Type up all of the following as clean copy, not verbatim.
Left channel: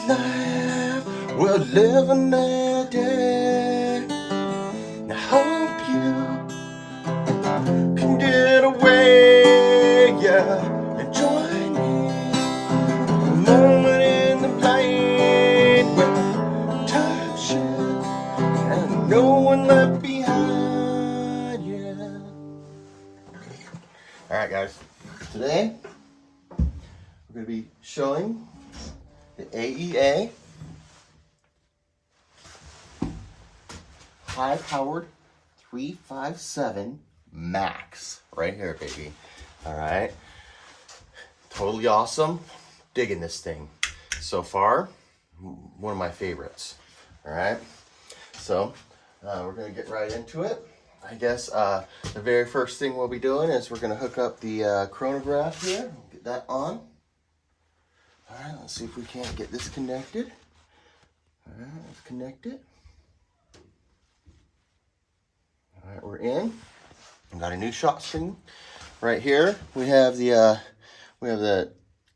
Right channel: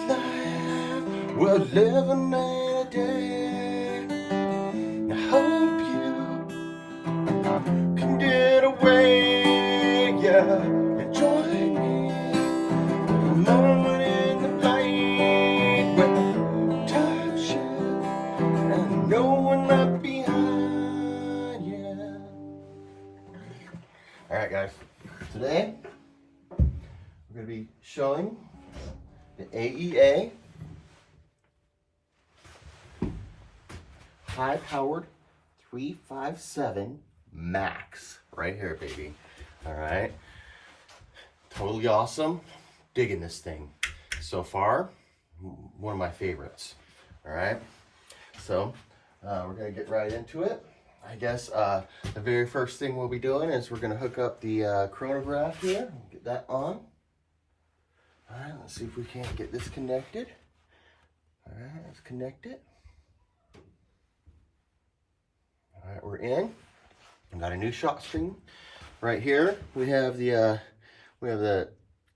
this life we're living every day. I hope you can get away, yeah, and join me. A moment in the blind where time shifts and no one left behind, yeah. All right, guys. Today we're going to be showing the AEA high-powered 357 Max right here, baby. All right, totally awesome. Digging this thing so far. One of my favorites. All right, so we're gonna get right into it. I guess the very first thing we'll be doing is we're gonna hook up the chronograph here. Get that on. All right, let's see if we can't get this connected. All right, let's connect it. All right, we're in. We got a new shot screen right here. We have the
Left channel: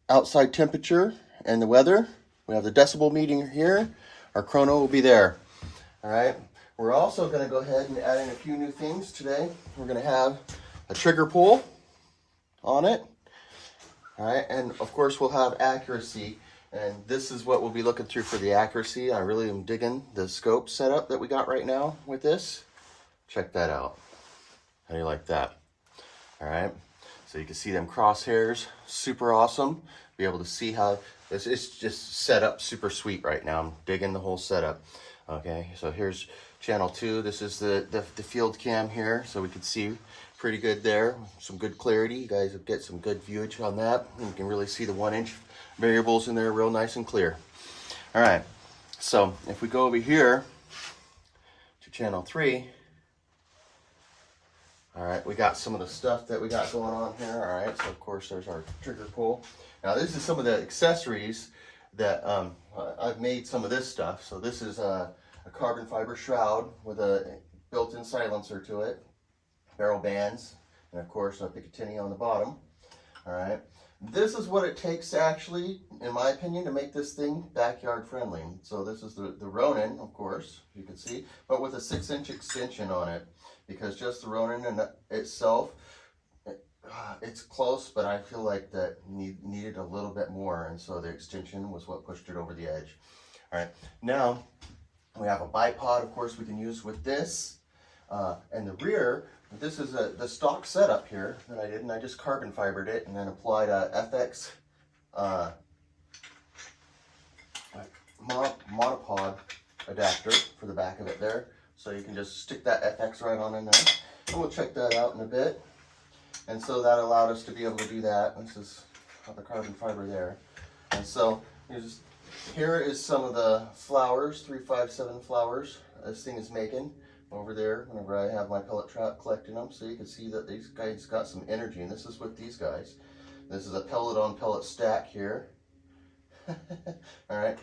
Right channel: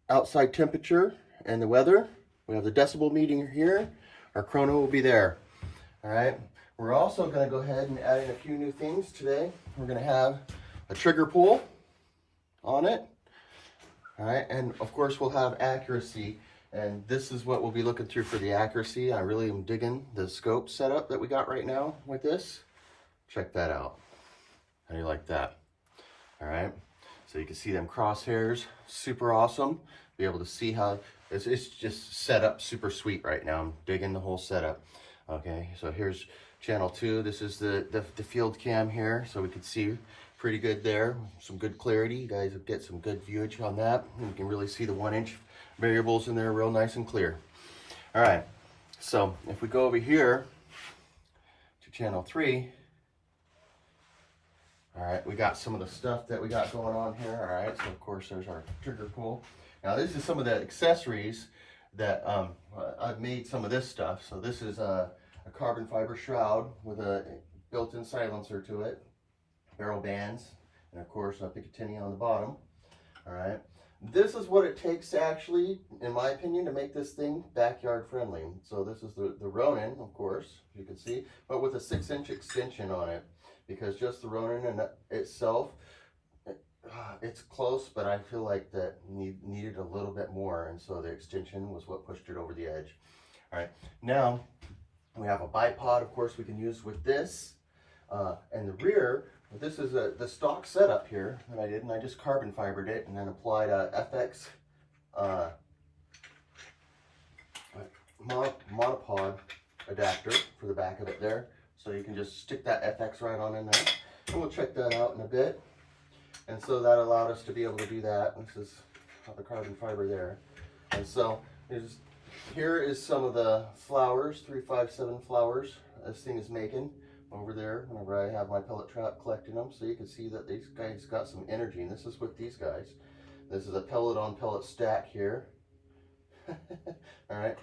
outside temperature and the weather. We have the decibel meter here. Our chrono will be there. All right. We're also going to go ahead and add in a few new things today. We're going to have a trigger pull on it. All right, and of course we'll have accuracy, and this is what we'll be looking through for the accuracy. I really am digging the scope setup that we got right now with this. Check that out. How do you like that? All right, so you can see them crosshairs, super awesome. Be able to see how it's just set up super sweet right now. I'm digging the whole setup. Okay, so here's channel 2. This is the field cam here, so we can see pretty good there. Some good clarity. You guys will get some good viewage on that. You can really see the 1-inch variables in there real nice and clear. All right, so if we go over here to channel 3, all right, we got some of the stuff that we got going on here. All right, so of course there's our trigger pull. Now this is some of the accessories that I've made some of this stuff. So this is a carbon fiber shroud with a built-in silencer to it, barrel bands, and of course a Picatinny on the bottom. All right, this is what it takes actually, in my opinion, to make this thing backyard friendly. So this is the Ronin, of course, you can see, but with a 6-inch extension on it, because just the Ronin in itself, it's close, but I feel like that needed a little bit more, and so the extension was what pushed it over the edge. All right, now we have a bipod, of course, we can use with this, and the rear. This is the stock setup here that I did, and I just carbon fibered it and then applied a FX monopod adapter for the back of it there. So you can just stick that FX right on in there. And we'll check that out in a bit. And so that allowed us to be able to do that. This is the carbon fiber there. And so here is some of the flowers, 357 flowers this thing is making over there whenever I have my pellet trap collecting them. So you can see that these guys got some energy, and this is with these guys. This is a pellet on pellet stack here. All right,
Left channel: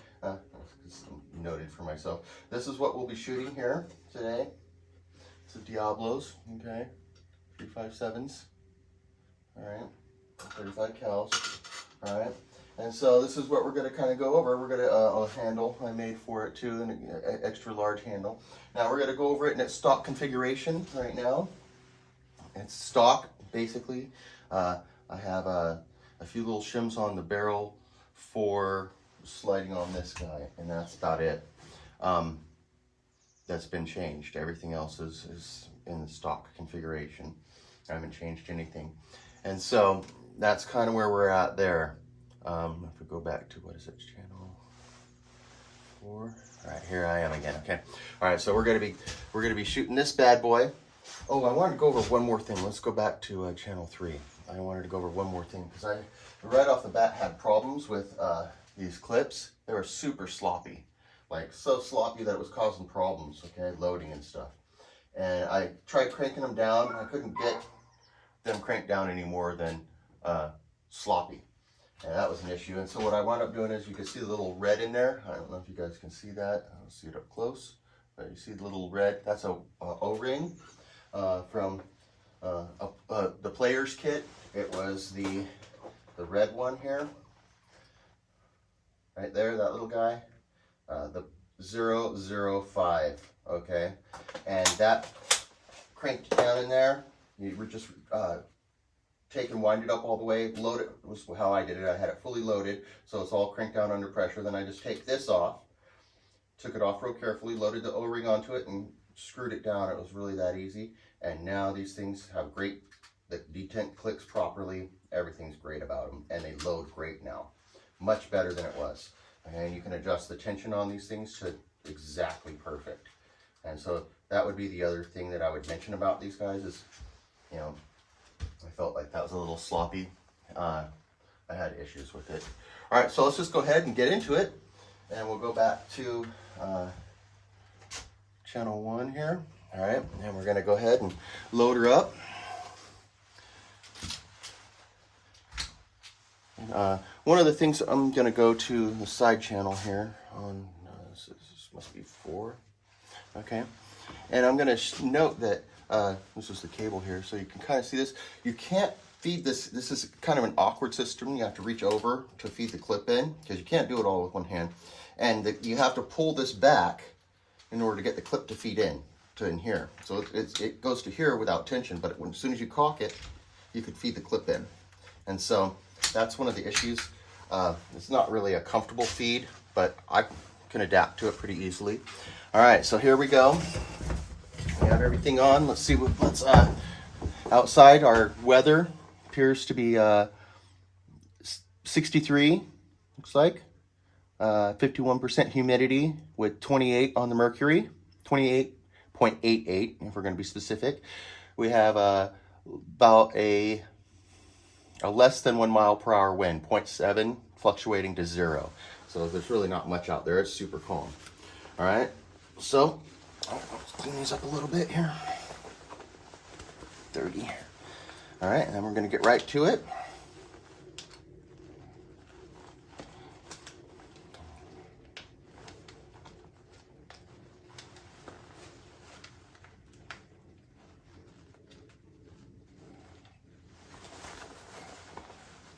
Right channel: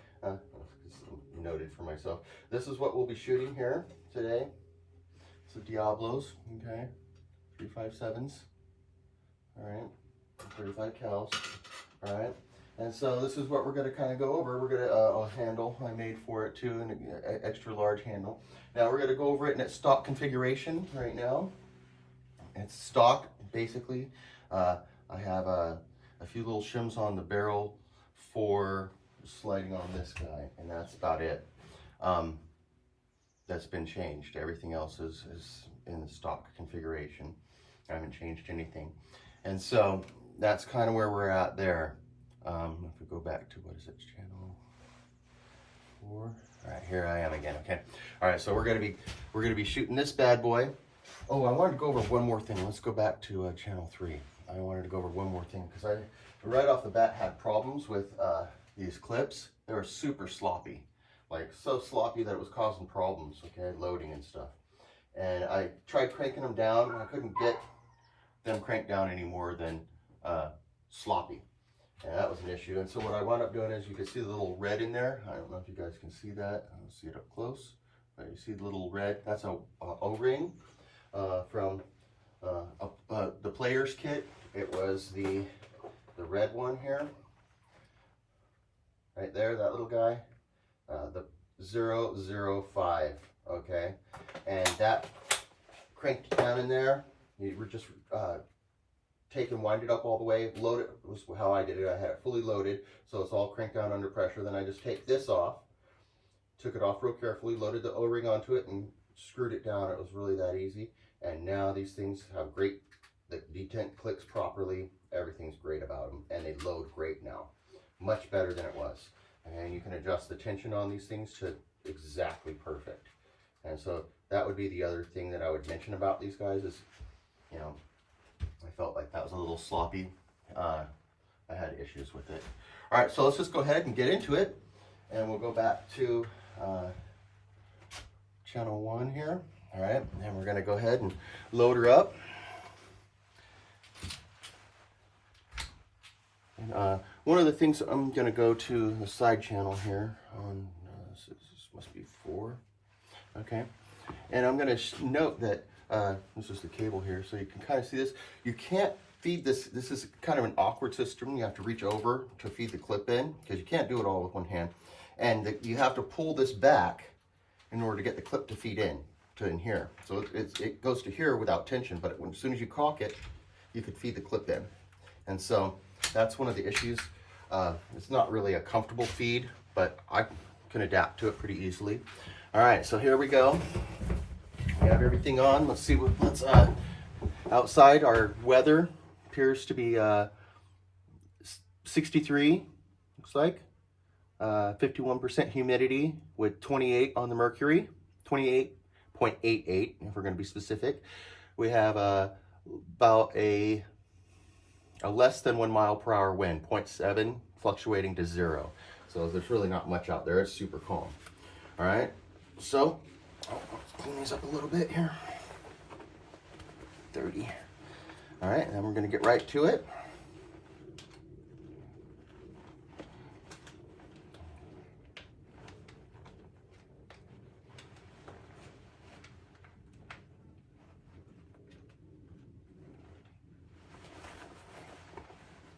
noted for myself. This is what we'll be shooting here today. It's the Diablos, okay, 357s. All right, 35 cals. All right. And so this is what we're going to kind of go over. We're going to a handle I made for it too, an extra large handle. Now we're going to go over it in its stock configuration right now. It's stock basically. I have a few little shims on the barrel for sliding on this guy, and that's about it. That's been changed. Everything else is in the stock configuration. I haven't changed anything, and so that's kind of where we're at there. If we go back to, what is it, channel 4? All right, here I am again. Okay, all right. So we're gonna be shooting this bad boy. Oh, I wanted to go over one more thing. Let's go back to channel 3. I wanted to go over one more thing because I right off the bat had problems with these clips. They were super sloppy, like so sloppy that it was causing problems. Okay, loading and stuff. And I tried cranking them down, and I couldn't get them cranked down any more than sloppy. And that was an issue. And so what I wound up doing is, you can see the little red in there. I don't know if you guys can see that. I don't see it up close. But you see the little red? That's a O-ring from the player's kit. It was the red one here. right there, that little guy, the 005, okay? And that cranked down in there, you were just take and wind it up all the way, load it, was how I did it. I had it fully loaded, so it's all cranked down under pressure. Then I just take this off, took it off real carefully, loaded the O-ring onto it, and screwed it down. It was really that easy. And now these things have great, the detent clicks properly, everything's great about them, and they load great now. Much better than it was. And you can adjust the tension on these things to exactly perfect. And so that would be the other thing that I would mention about these guys is, you know, I felt like that was a little sloppy. I had issues with it. All right, so let's just go ahead and get into it. And we'll go back to channel 1 here. All right, and we're gonna go ahead and load her up. And, one of the things, I'm gonna go to the side channel here on, this must be 4, okay? And I'm gonna note that this is the cable here, so you can kind of see this. You can't feed this. This is kind of an awkward system. You have to reach over to feed the clip in because you can't do it all with one hand. And you have to pull this back in order to get the clip to feed in here. So it goes to here without tension, but as soon as you caulk it, you can feed the clip in. And so that's one of the issues. It's not really a comfortable feed, but I can adapt to it pretty easily. All right, so here we go. We have everything on. Let's see what's outside. Our weather appears to be 63, looks like. 51% humidity with 28 on the mercury, 28.88 if we're going to be specific. We have about a less than 1 mile per hour wind, 0.7 fluctuating to 0. So there's really not much out there. It's super calm. All right, so let's clean these up a little bit here. 30. All right, and then we're going to get right to it.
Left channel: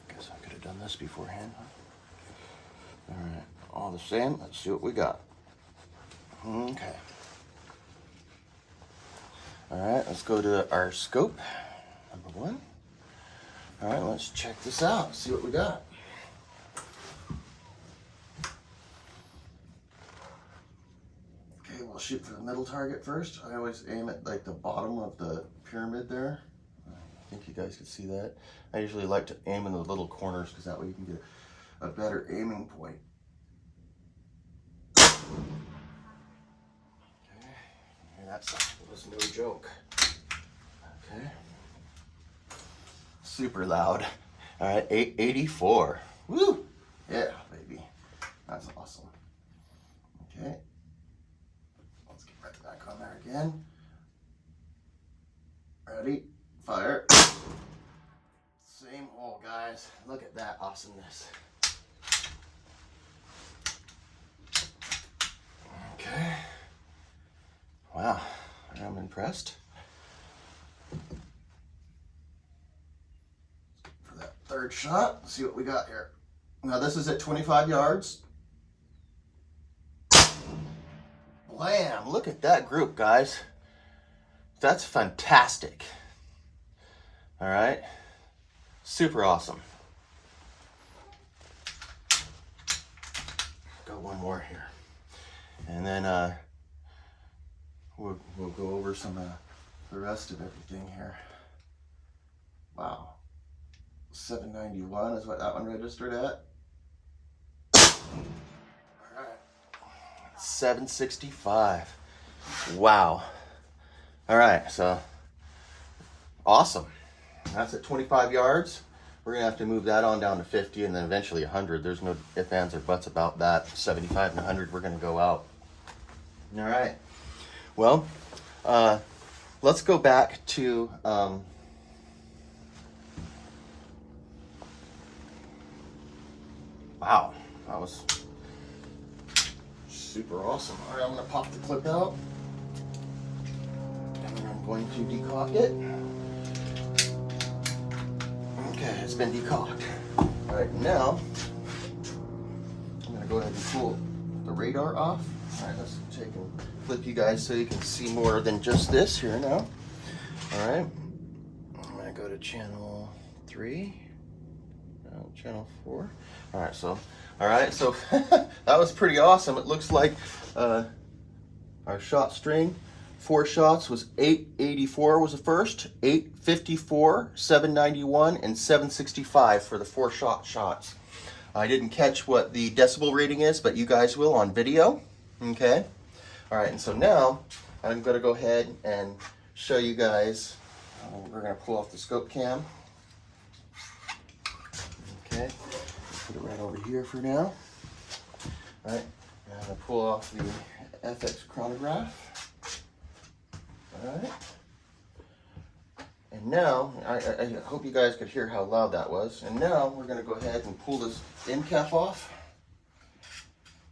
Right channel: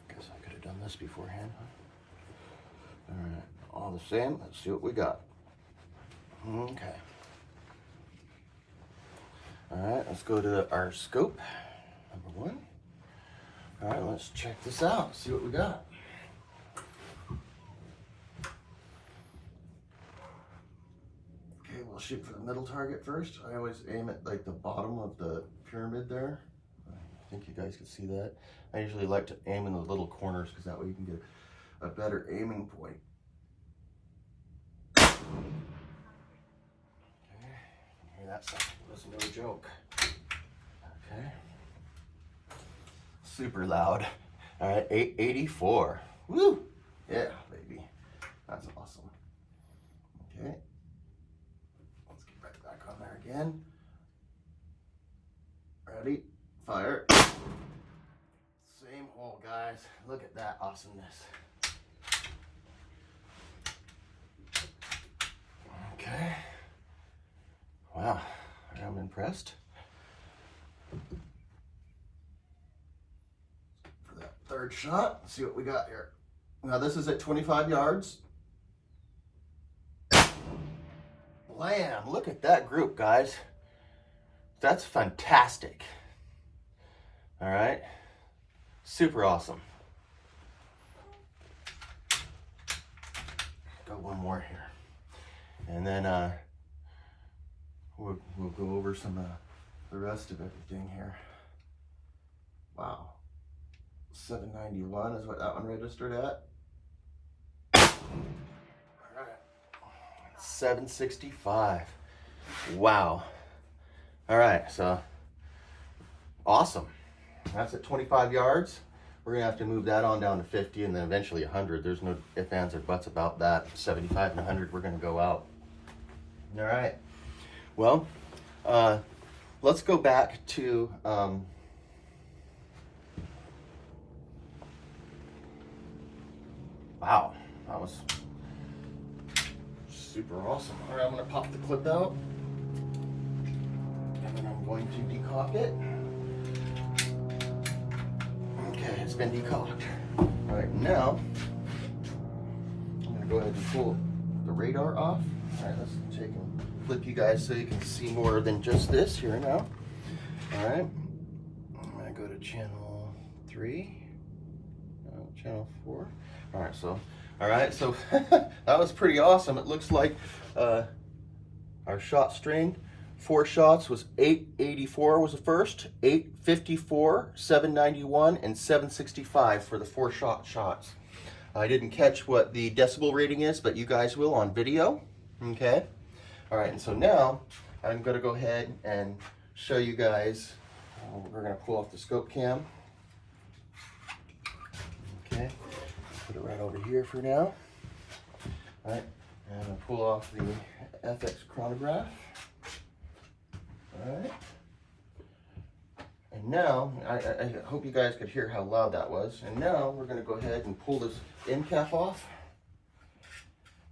Guess I could have done this beforehand. All right, all the same. Let's see what we got. Okay. All right, let's go to our scope, number 1. All right, let's check this out, see what we got. Okay, we'll shoot for the middle target first. I always aim at like the bottom of the pyramid there. I think you guys can see that. I usually like to aim in the little corners because that way you can get a better aiming point. That was no joke. Okay. Super loud. All right, 884. Woo! Yeah, baby. That's awesome. Okay. Let's get right back on there again. Ready? Fire. Same hole, guys. Look at that awesomeness. Okay. Wow, I'm impressed. For that third shot, let's see what we got here. Now this is at 25 yards. Blam, look at that group, guys. That's fantastic. All right, super awesome. Got one more here. And then we'll go over some the rest of everything here. Wow, 791 is what that one registered at. All right, 765. Wow. All right, so awesome. That's at 25 yards. We're gonna have to move that on down to 50 and then eventually 100. There's no ifs, ands, or buts about that. 75 and 100, we're gonna go out. All right. Well, let's go back to wow, that was super awesome. All right, I'm gonna pop the clip out and then I'm going to decock it. Okay, it's been decocked. All right, now I'm gonna go and pull the radar off. All right, let's take and flip you guys so you can see more than just this here now. All right, I'm gonna go to channel 3, channel 4. All right, so that was pretty awesome. It looks like our shot string, 4 shots was 884 was the first, 854, 791, and 765 for the 4 shots. I didn't catch what the decibel reading is, but you guys will on video. Okay. All right, and so now I'm going to go ahead and show you guys. We're going to pull off the scope cam. Okay. Put it right over here for now. All right. And I'm going to pull off the FX chronograph. All right. And now, I hope you guys could hear how loud that was. And now we're going to go ahead and pull this end cap off.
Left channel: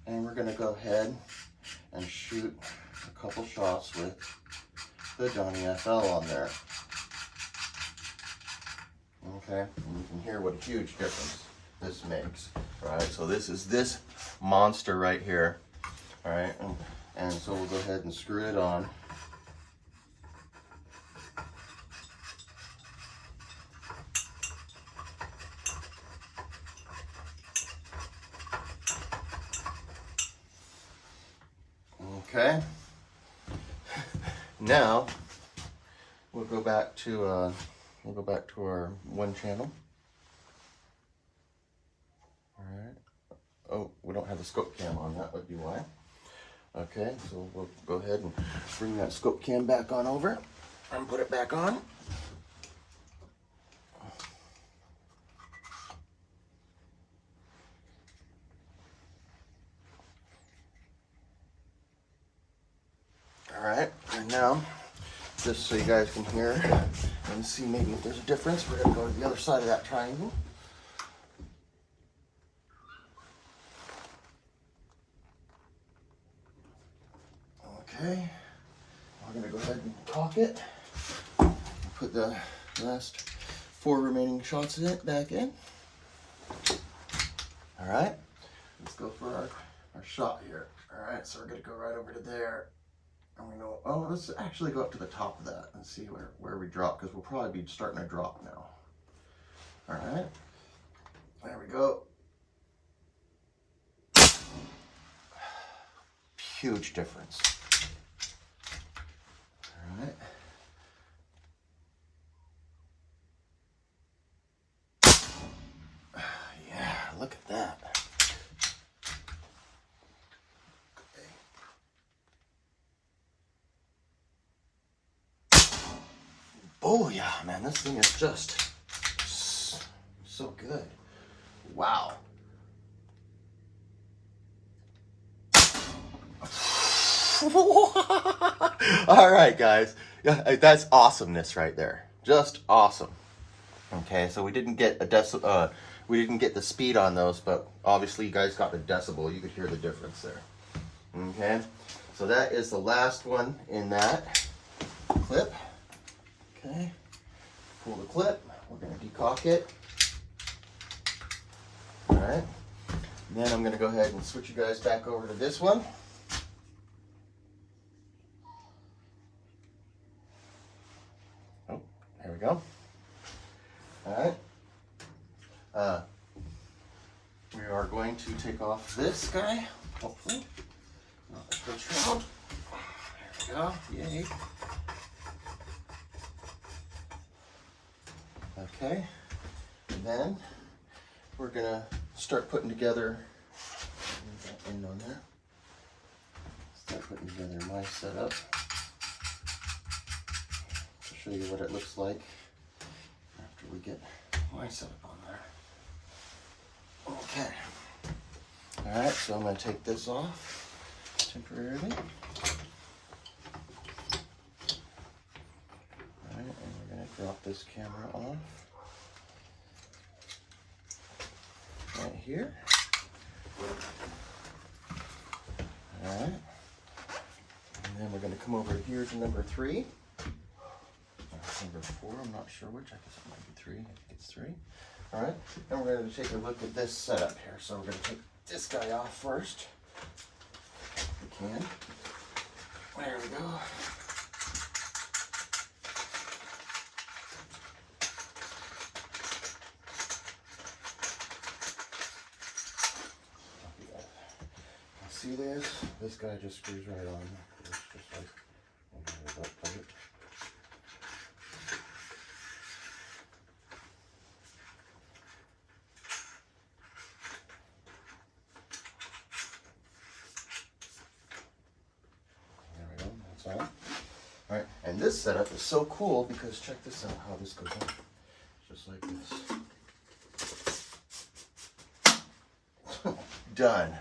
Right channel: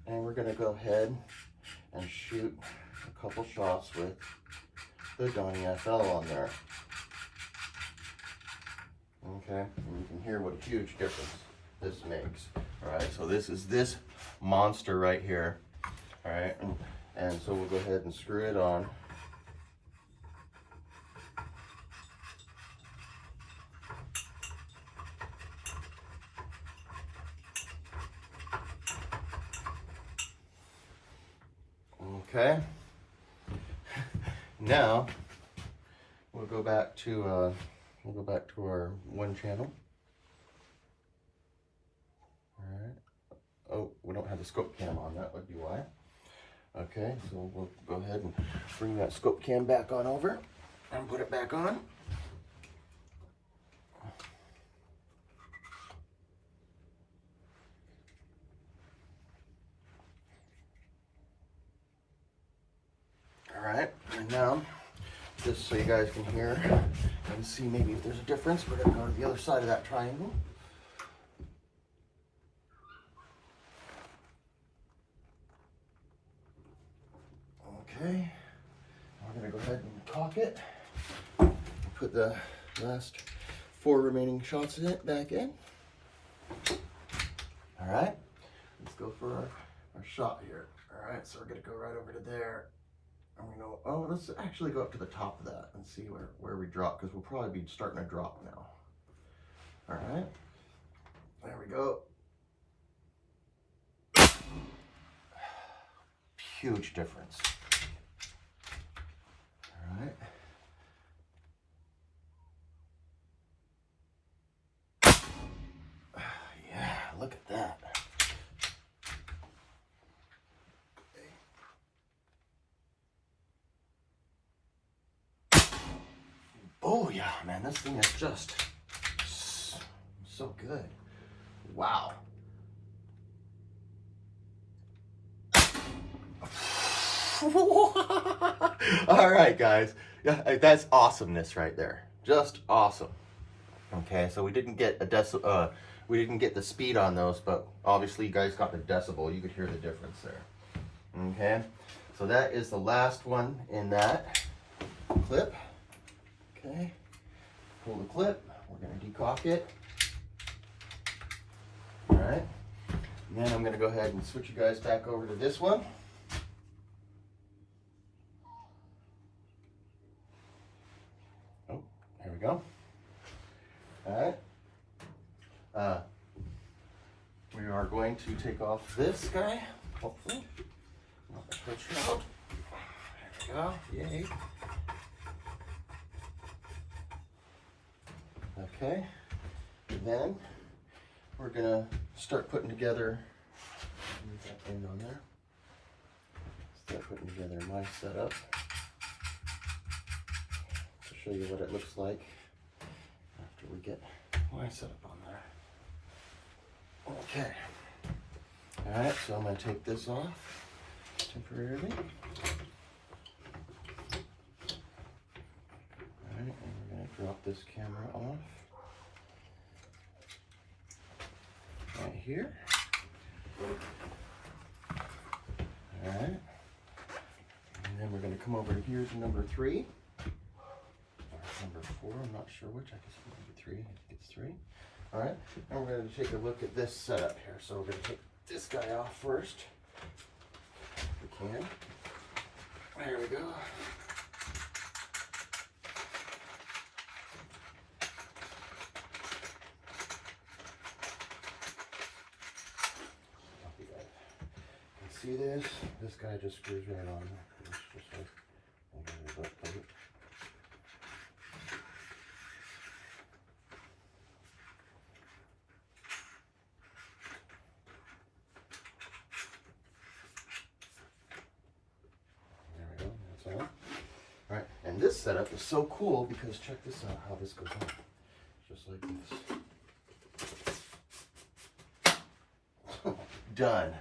And we're going to go ahead and shoot a couple shots with the Donnie FL on there. Okay, and you can hear what a huge difference this makes. All right, so this is this monster right here. All right, and so we'll go ahead and screw it on. Okay. Now we'll go back to our one channel. All right. Oh, we don't have the scope cam on. That would be why. Okay, so we'll go ahead and bring that scope cam back on over and put it back on. All right, and now, just so you guys can hear and see maybe if there's a difference, we're gonna go to the other side of that triangle. Okay, we're gonna go ahead and cock it. Put the last 4 remaining shots in it back in. All right, let's go for our shot here. All right, so we're gonna go right over to there. And we go, oh, let's actually go up to the top of that and see where we drop, because we'll probably be starting to drop now. All right, there we go. Huge difference. All right. Yeah, look at that. Oh yeah, man, this thing is just so good. Wow. All right, guys, that's awesomeness right there. Just awesome. Okay, so we didn't get the speed on those, but obviously you guys got the decibel. You could hear the difference there. Okay, so that is the last one in that clip. Okay, pull the clip, we're going to decock it. All right, and then I'm going to go ahead and switch you guys back over to this one. Oh, there we go. All right, we are going to take off this guy, hopefully. Not the shroud. There we go, yay. Okay, and then we're gonna start putting together, end on there. Start putting together my setup to show you what it looks like after we get my setup on there. Okay, all right, so I'm gonna take this off temporarily. Drop this camera off right here. All right, and then we're going to come over here to number 3. Number 4, I'm not sure which. I guess it might be 3. I think it's 3. All right, and we're going to take a look at this setup here. So we're going to this guy off first. If we can. There we go. See this? This guy just screws right on. It's just like there we go, that's all. Alright, and this setup is so cool because check this out how this goes on. Just like this. Done.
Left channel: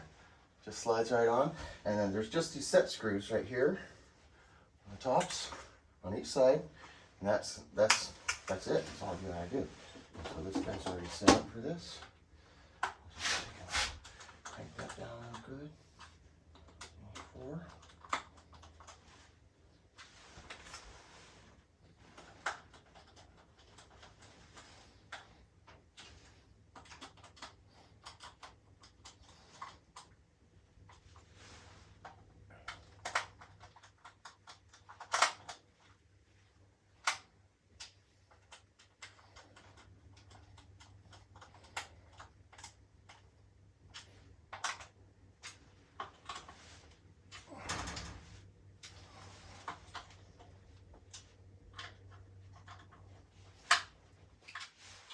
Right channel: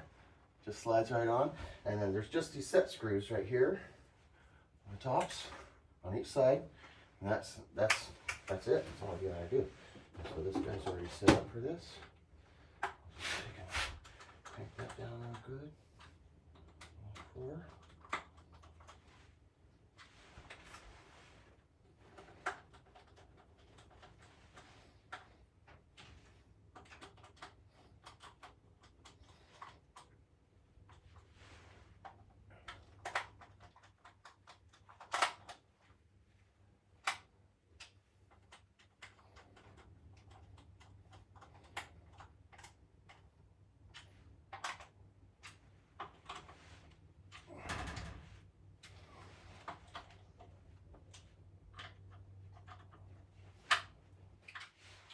Just slides right on, and then there's just these set screws right here on the tops on each side, and that's it. That's all you gotta do. So this guy's already set up for this. Just crank that down real good. 4.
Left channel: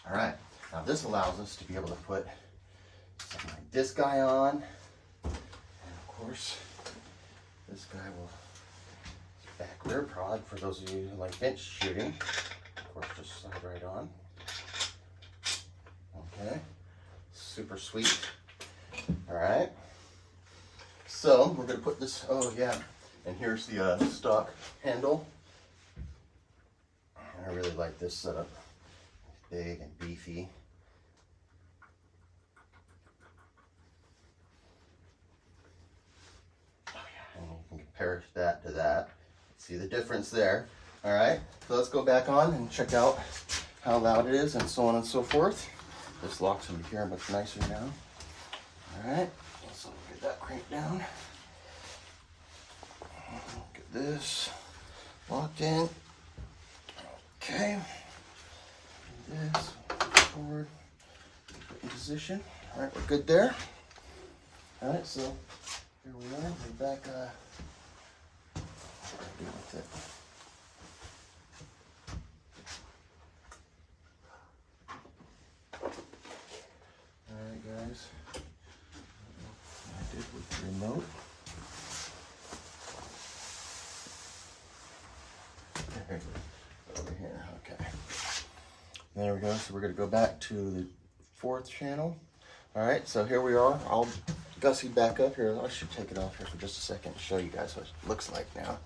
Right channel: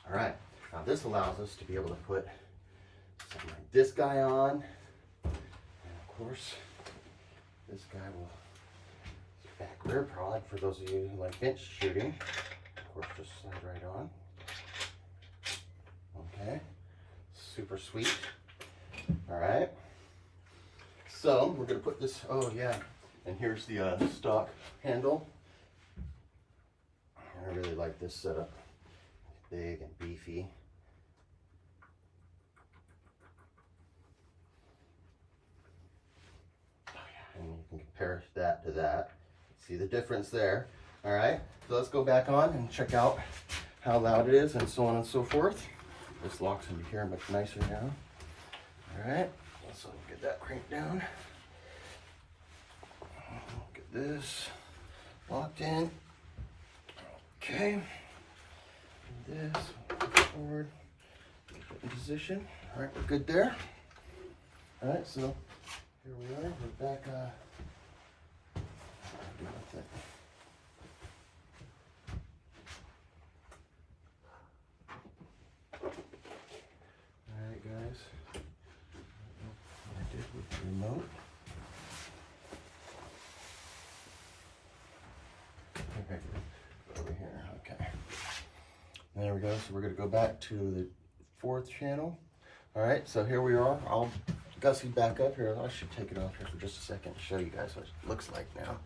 All right, now this allows us to be able to put something like this guy on, and of course, this guy will, back rear prod for those of you who like bench shooting, of course, just slide right on. Okay, super sweet. All right, so we're gonna put this, oh yeah, and here's the stock handle. I really like this setup. Big and beefy. And you can compare that to that. See the difference there. All right, so let's go back on and check out how loud it is and so on and so forth. This locks into here much nicer now. All right, so get that cranked down. Get this locked in. Okay. This, forward, put in position. All right, we're good there. All right, so here we are. We're back. All right, guys. I did with the remote. Over here. Okay. There we go. So we're going to go back to the 4th channel. All right. So here we are. I'll Gussie back up here. I should take it off here for just a second to show you guys what it looks like now.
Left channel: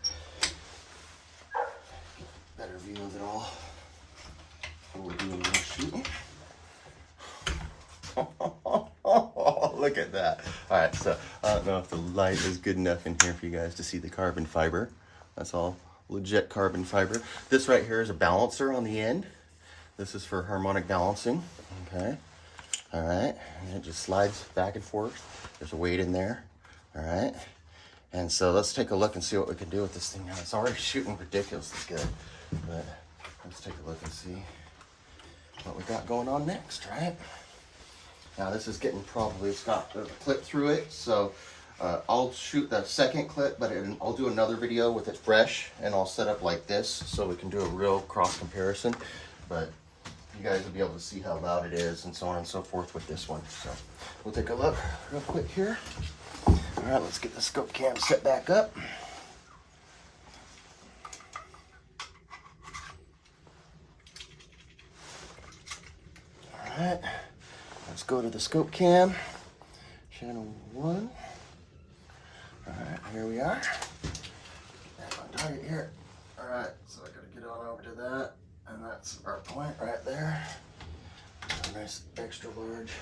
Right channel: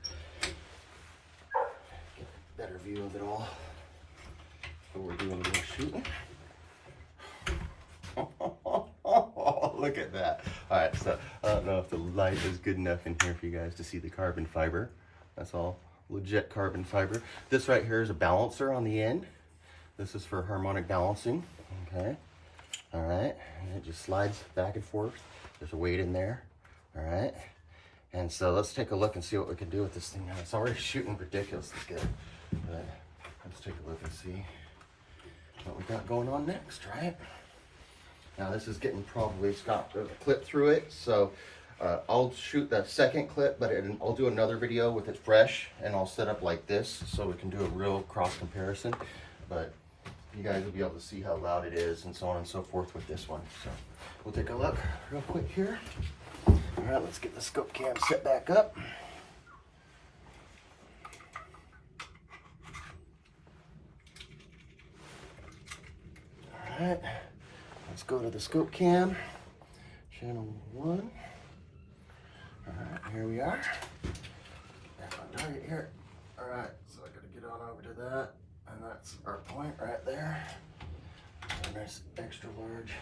Get a better view of it all before we do a little shooting. Look at that. All right. So I don't know if the light is good enough in here for you guys to see the carbon fiber. That's all legit carbon fiber. This right here is a balancer on the end. This is for harmonic balancing, okay? All right, and it just slides back and forth. There's a weight in there, all right? And so let's take a look and see what we can do with this thing now. It's already shooting ridiculously good, but let's take a look and see what we got going on next, right? Now this is getting probably, it's got a clip through it, so I'll shoot that second clip, but I'll do another video with it fresh, and I'll set up like this so we can do a real cross comparison. But you guys will be able to see how loud it is and so on and so forth with this one. So we'll take a look real quick here. All right, let's get the scope cam set back up. All right, let's go to the scope cam, channel 1. All right, here we are. Back on target here. All right, so I gotta get on over to that, and that's our point right there. A nice extra large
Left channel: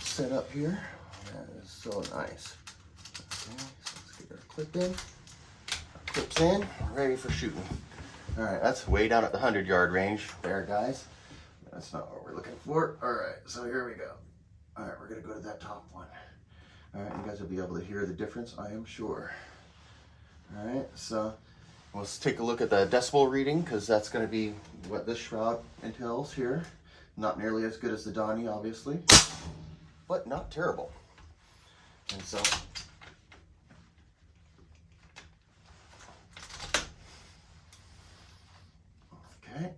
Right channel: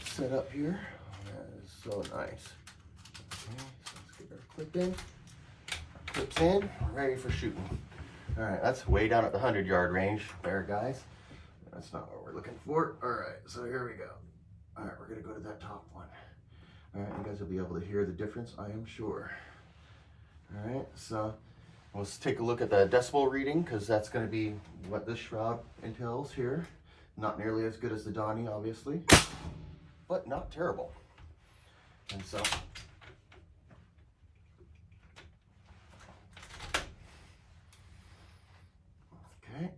setup here. That is so nice. Okay, so let's get our clip in. Our clip's in, ready for shooting. All right, that's way down at the 100-yard range there, guys. That's not what we're looking for. All right, so here we go. All right, we're gonna go to that top one. All right, you guys will be able to hear the difference, I am sure. All right, so let's take a look at the decibel reading, because that's going to be what this shroud entails here. Not nearly as good as the Donnie, obviously, but not terrible. And so, okay.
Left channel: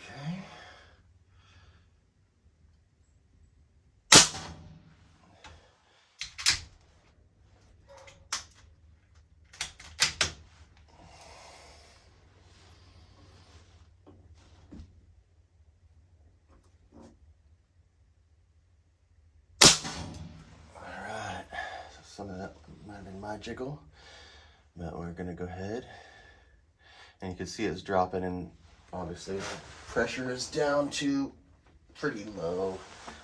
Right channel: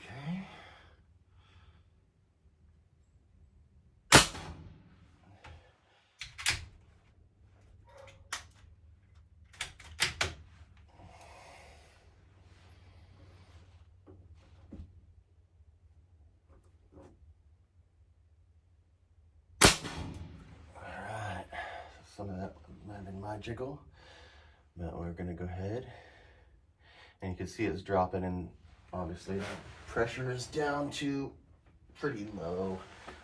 Okay. Alright, so some of that might have been my jiggle, but we're gonna go ahead, and you can see it's dropping, and obviously the pressure is down to pretty low.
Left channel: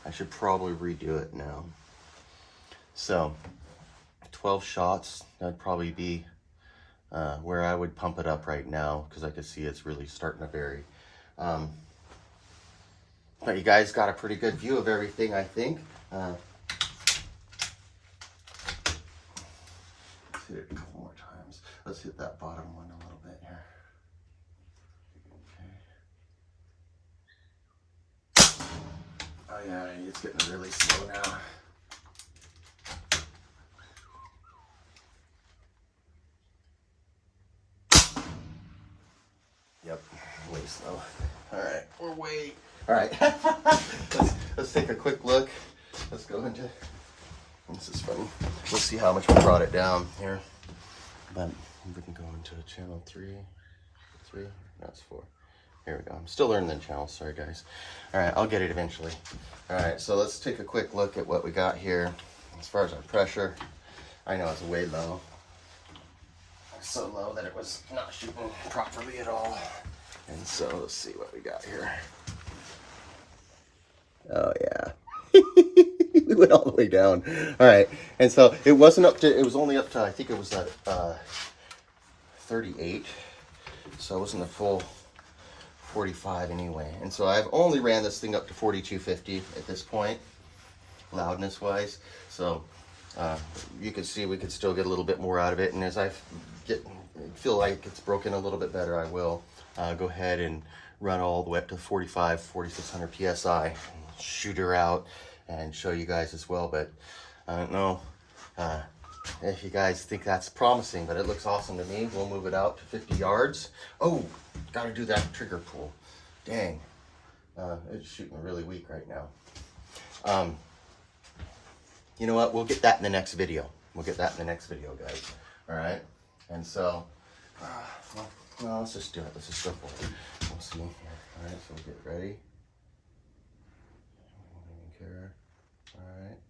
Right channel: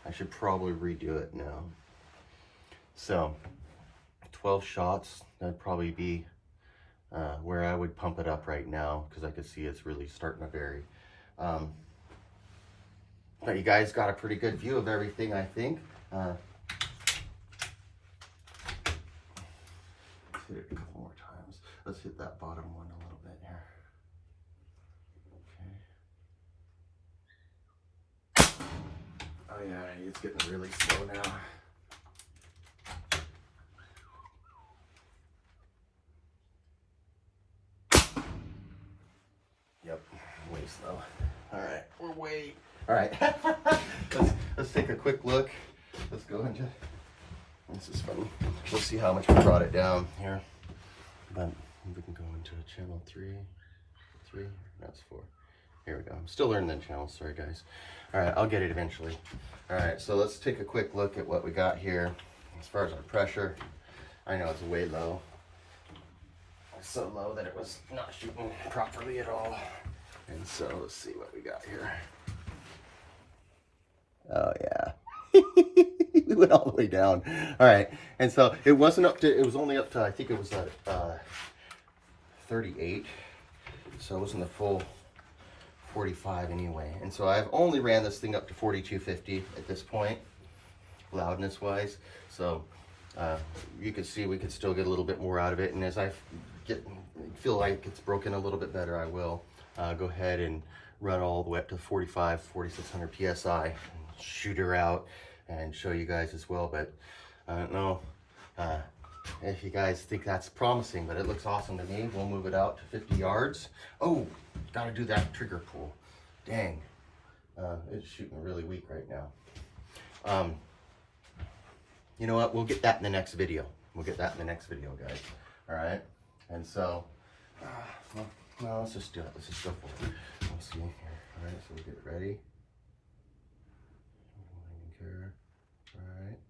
I should probably redo it now. So 12 shots, that'd probably be where I would pump it up right now, because I can see it's really starting to vary. But you guys got a pretty good view of everything, I think. Let's hit it a couple more times. Let's hit that bottom one a little bit here. Okay. Oh yeah, it's getting really slow now. Yep, way slow. All right, we're way. All right, let's take a quick look. Let's go into. This is funny. Let's see how much we brought it down here. But we can go into channel 3. That's 4. Here we go. I'm still learning the channels. Sorry, guys. All right, I'll get it eventually. All right, so let's take a quick look at what we got here. As far as our pressure, I know it's way low. It's so low that it was not shooting properly at all. And so let's see what we got here. Oh yeah. We went all the way down. All right, and so it wasn't up to, it was only up to, I think it was at 38. So it wasn't a full 45 anyway. And so I've only ran this thing up to 4250 at this point, loudness wise. So you can see we could still get a little bit more out of it. And as I feel like it's broken a little bit better, I will go ahead and run all the way up to 4600 PSI, shoot her out and show you guys as well. But I don't know if you guys think that's promising, but it looks awesome to me. We'll move it out to 50 yards. Oh, gotta do that trigger pull. Dang, it's shooting really weak right now. You know what, we'll get that in the next video. We'll get that in the next video, guys. All right, and so, well, no, let's just do it. Let's just go for it. We'll see here. All right, so we'll get ready. Don't even care. All right.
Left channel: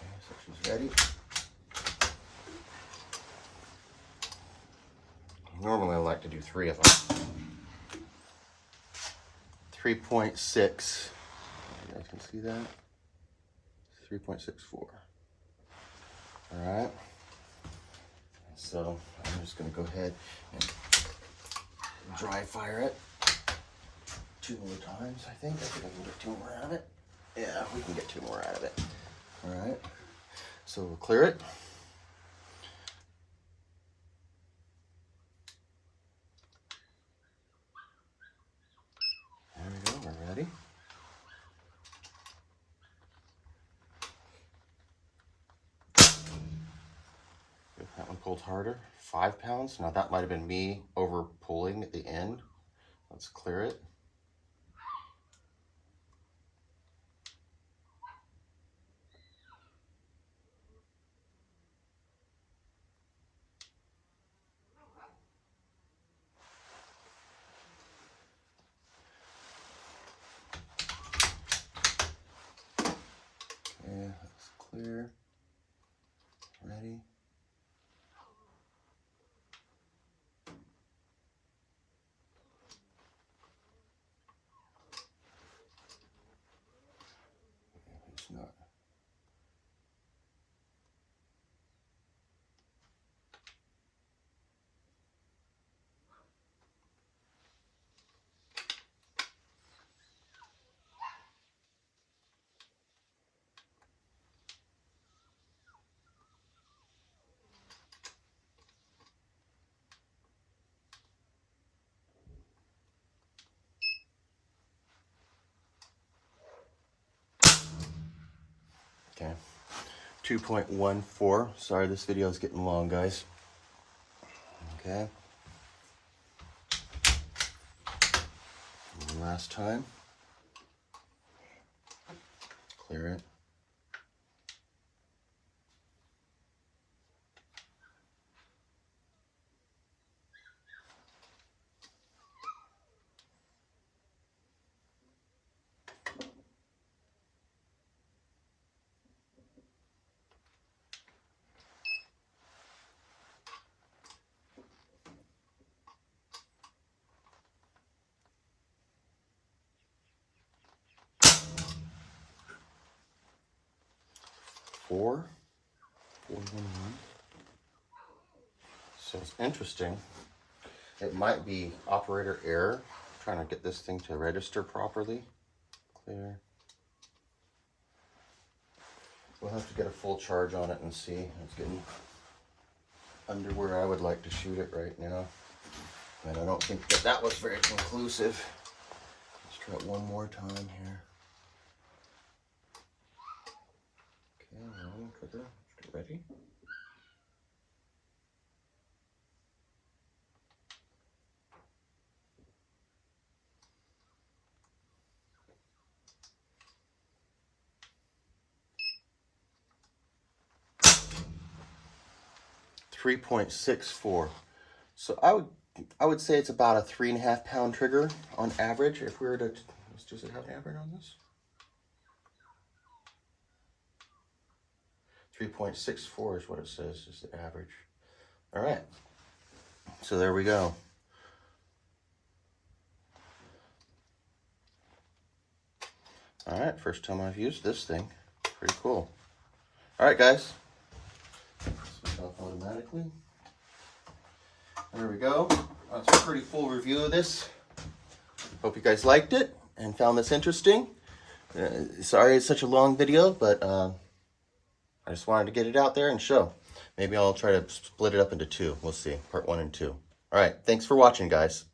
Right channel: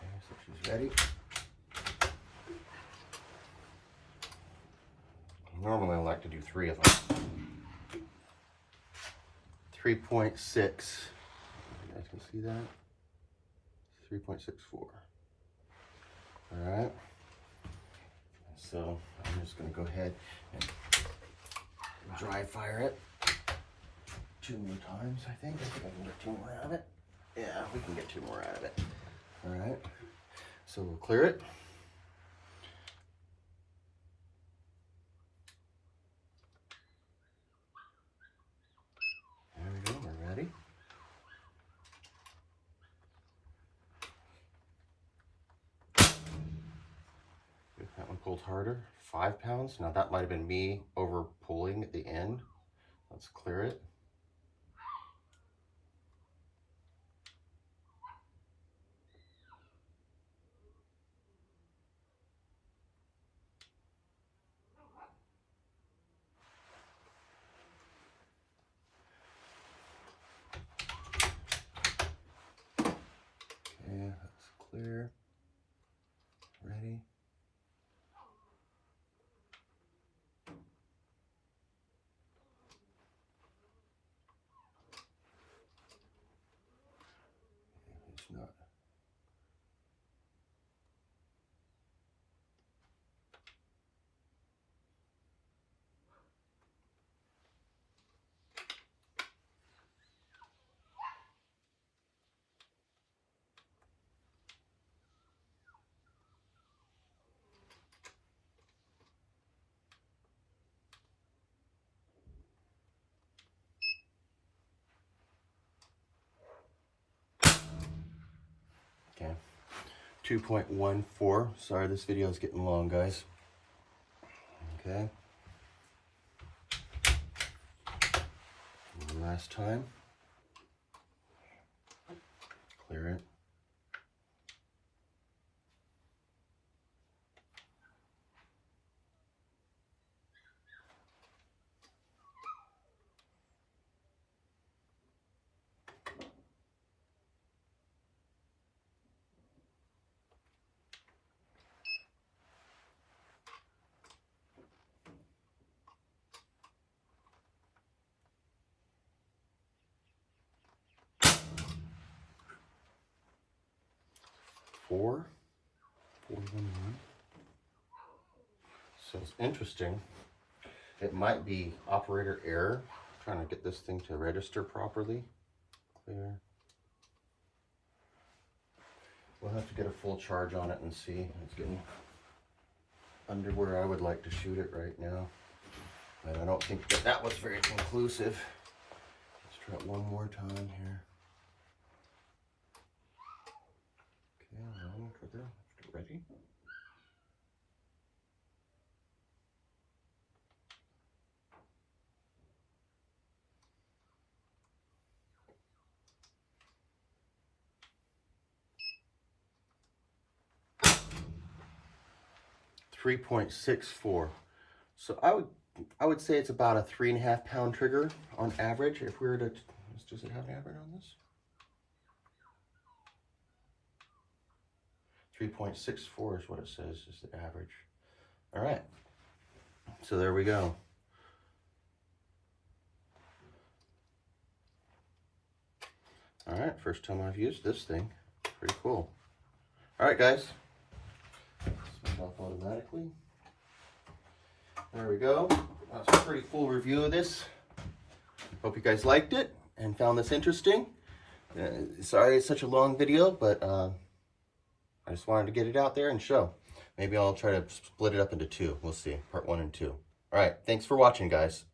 Okay, so she's ready. Normally I like to do 3 of them. 3.6. You guys can see that? 3.64. All right. So I'm just going to go ahead and dry fire it 2 more times, I think. I think I can get 2 more out of it. Yeah, we can get 2 more out of it. All right. So we'll clear it. There we go. We're ready. That one pulled harder. 5 pounds. Now that might have been me over pulling at the end. Let's clear it. Okay, that's clear. Ready. It's not. 2.14. Sorry, this video is getting long, guys. Okay. And last time. Clear it. Four. So it's interesting. It might be operator error. I'm trying to get this thing to register properly. Clear. We'll have to get a full charge on it and see. It's getting under where I would like to shoot it right now. But I don't think that was very conclusive. Let's try it one more time here. Okay, for the ready. .64. So I would say it's about a 3.5 pound trigger on average. If we were to, does it have an average on this? 3.64 is what it says is the average. All right, so there we go. All right, first time I've used this thing. Pretty cool. All right, guys. Switch off automatically. There we go. That's a pretty full review of this. Hope you guys liked it and found this interesting. Sorry it's such a long video, but I just wanted to get it out there and show. Maybe I'll try to split it up into two. We'll see, part 1 and 2. All right, thanks for watching, guys.